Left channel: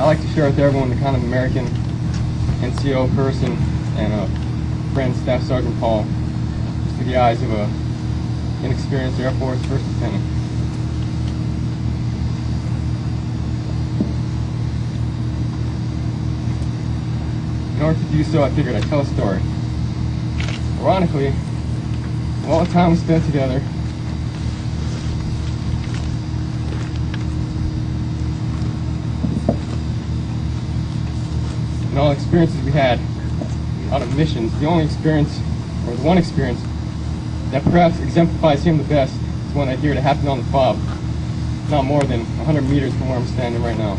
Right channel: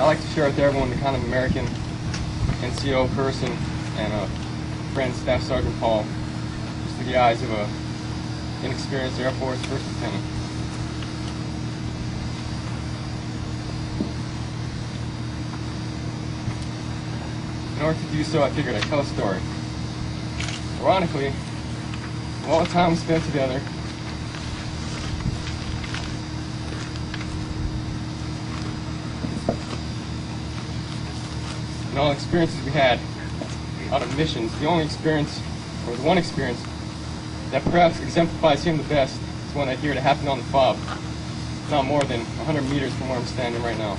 I like to share with everyone the kind of American NCO person and friend, Staff Sergeant Paul, just through the eyes of a inexperienced Air Force First Lieutenant. In order to do so, I figured I'd tell a story. Ironically, of all the time we spent together, and all the experiences we had out of missions, the only experience, or the one experience, that perhaps exemplifies him the best is one I hear that happened on the FOB, not more than 100 meters from where I'm standing right now.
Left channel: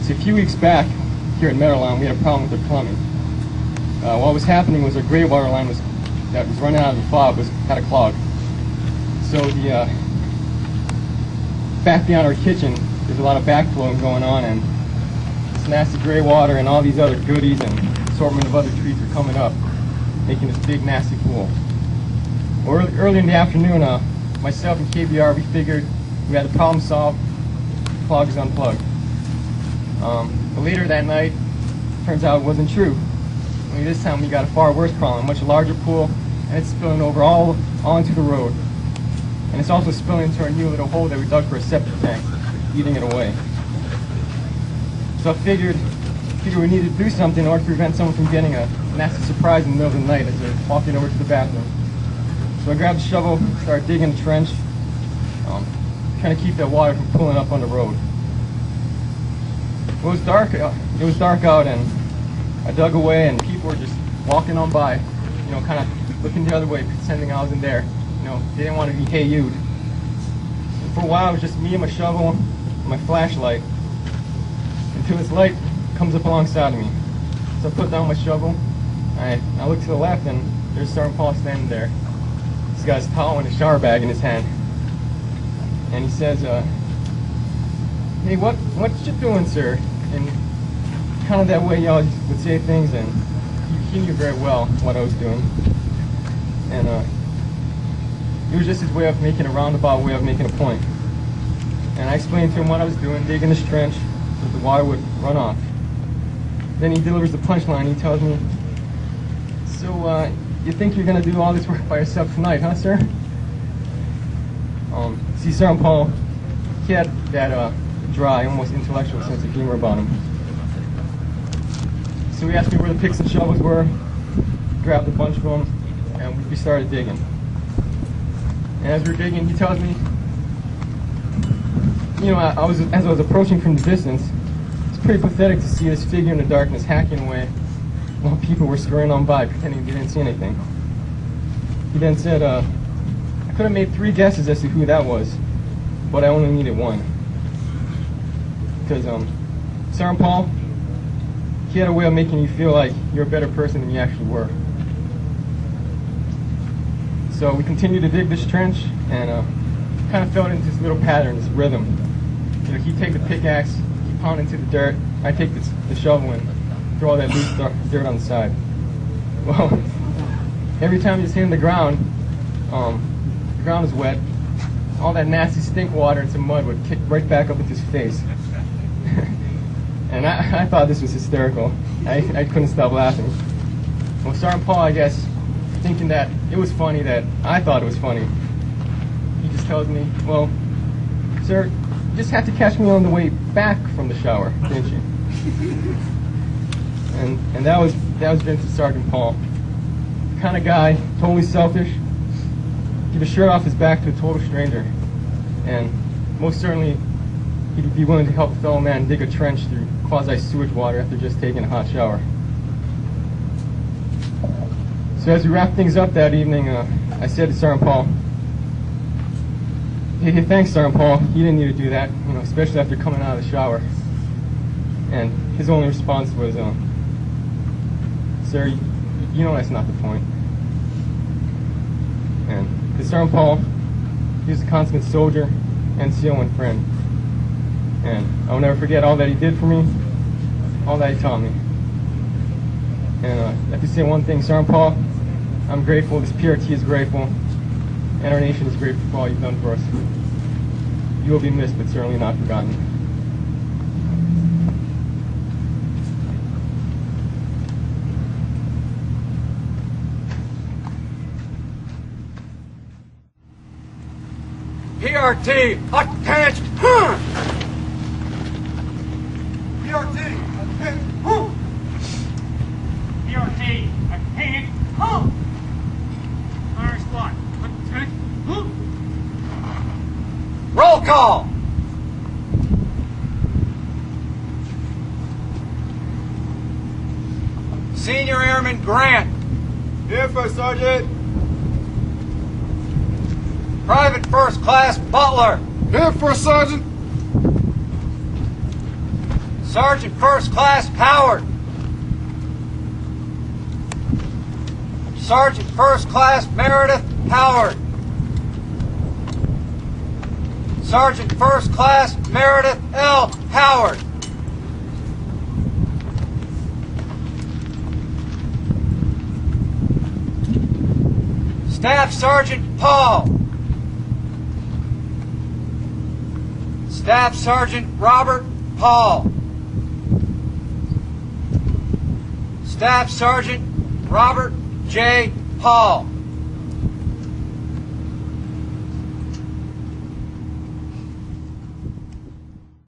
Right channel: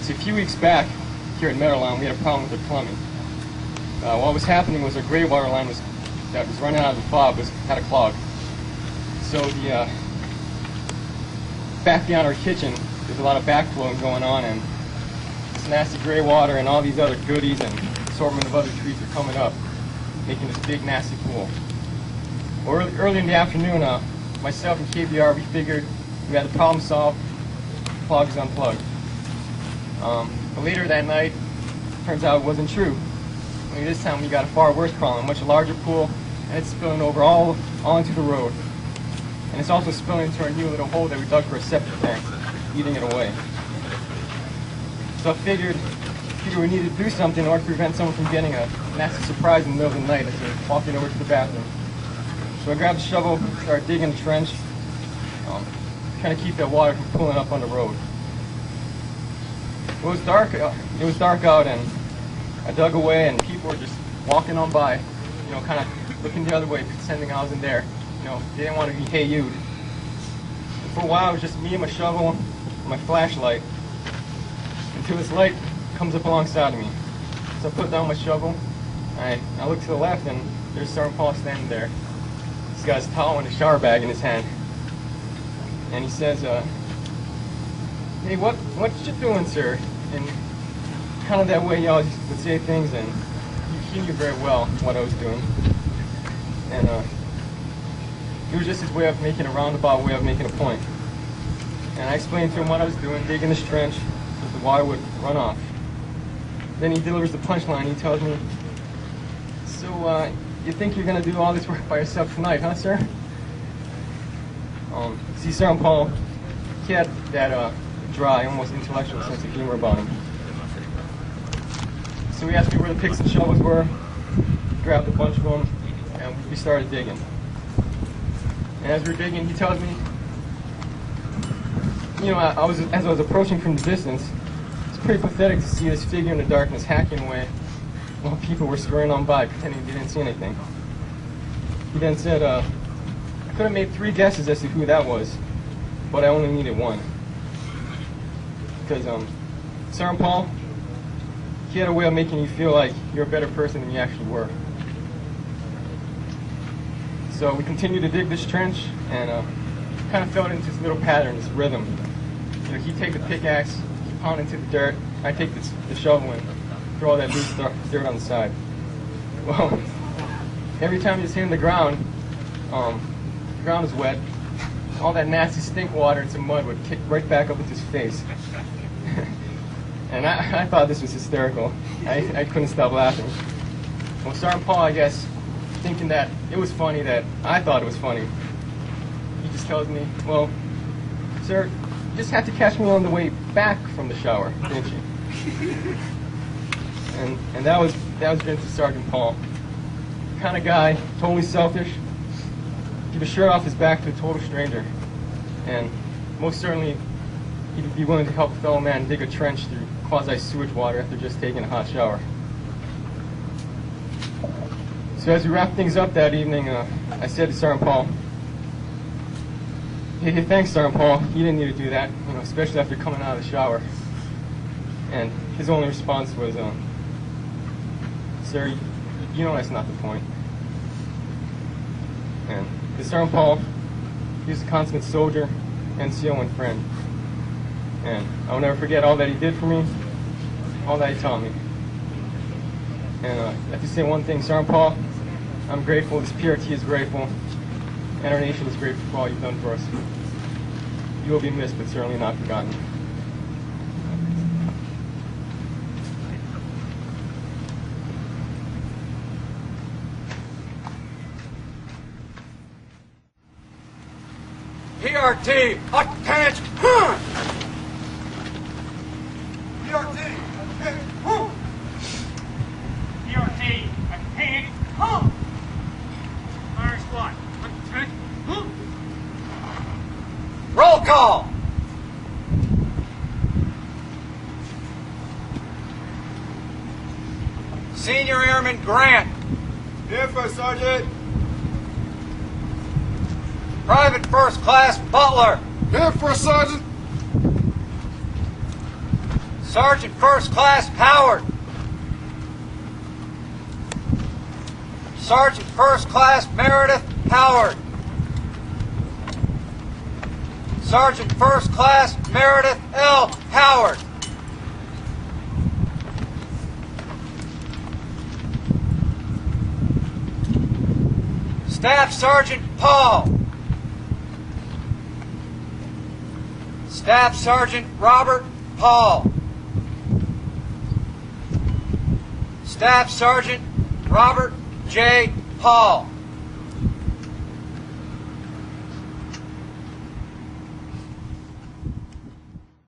So a few weeks back, here at Merideth, we had a problem with the plumbing. What was happening was our gray water line that was running out of the FOB had a clog. So the back beyond our kitchen, there's a lot of backflowing going on, and this nasty gray water and all these other goodies and assortment of other treats are coming up, making this big nasty pool. Well, early in the afternoon, myself and KBR, we figured we had the problem solved. The clog is unplugged. But later that night, turns out it wasn't true. Only this time we got a far worse problem, a much larger pool, and it's spilling over all into the road. And it's also spilling into our new little hole that we dug for a septic tank, eating it away. So I figured we needed to do something in order to prevent someone from getting a nasty surprise in the middle of the night as they're walking over to the bathroom. So I grabbed a shovel, started digging a trench, trying to keep that water from pooling up on the road. It was dark out, and I dug away, and people were just walking on by, kind of looking the other way, pretending I wasn't there. They didn't want to be hey-you'd. And for a while, it was just me and my shovel and my flashlight, until this light comes up alongside of me. So I put down my shovel, and I look to the left, and there's Sergeant Paul standing there. He's got his towel and a shower bag in his hand. And he says, hey, what you doing, sir? And kind of that way y'all would say things, and he knew very well what I was doing. And it was just his way of making a roundabout way of making a point. And I explained to him what I was doing, digging this trench, so the water would run off. Then he delivers the punchline. He tells me, so you think you're going to do all this work by yourself tonight, huh, sir? See, Sergeant Paul, he had that dry, almost intellectual sense of humor about him. So he asked me where the picks and shovels were, grabbed a bunch of them, and we started digging. And as we were digging, he tells me, as I was approaching from the distance, it's pretty pathetic to see this figure in the darkness hacking away while people were scurrying on by, pretending they didn't see anything. He then said, I could have made 3 guesses as to who that was, but I only needed one. Because Sergeant Paul, he had a way of making you feel like you're a better person than you actually were. So we continued to dig this trench, and kind of fell into this little pattern, this rhythm. He'd take the pickaxe, he'd pound into the dirt, I'd take the shovel and throw all that loose dirt on the side. Well, every time he was hitting the ground was wet, all that nasty stink water and some mud would kick right back up into his face. And I thought this was hysterical. I couldn't stop laughing. Well, Sergeant Paul, I guess, thinking that it was funny that I thought it was funny, he just tells me, well, sir, you just had to catch me on the way back from the shower, didn't you? And that was Vincent Sergeant Paul. Kind of guy, totally selfish, give a shirt off his back to a total stranger. And most certainly, he'd be willing to help a fellow man dig a trench through quasi-sewage water after just taking a hot shower. So as we wrapped things up that evening, I said to Sergeant Paul, hey, thanks, Sergeant Paul. You didn't need to do that, especially after coming out of the shower. And his only response was, sir, you know that's not the point. And Sergeant Paul, he was a consummate soldier, NCO, and friend. And I'll never forget all that he did for me, all that he taught me. And I have to say one thing, Sergeant Paul, I'm grateful, this PRT is grateful, and our nation is grateful for all you've done for us. You will be missed, but certainly not forgotten. PRT, attention! PRT, attention! PRT, attention! Fire squad, attention! Roll call! Senior Airman Grant. Here, First Sergeant. Private First Class Butler. Here, First Sergeant. Sergeant First Class Howard. Sergeant First Class Merideth Howard. Sergeant First Class Merideth L. Howard. Staff Sergeant Paul. Staff Sergeant Robert Paul. Staff Sergeant Robert J. Paul.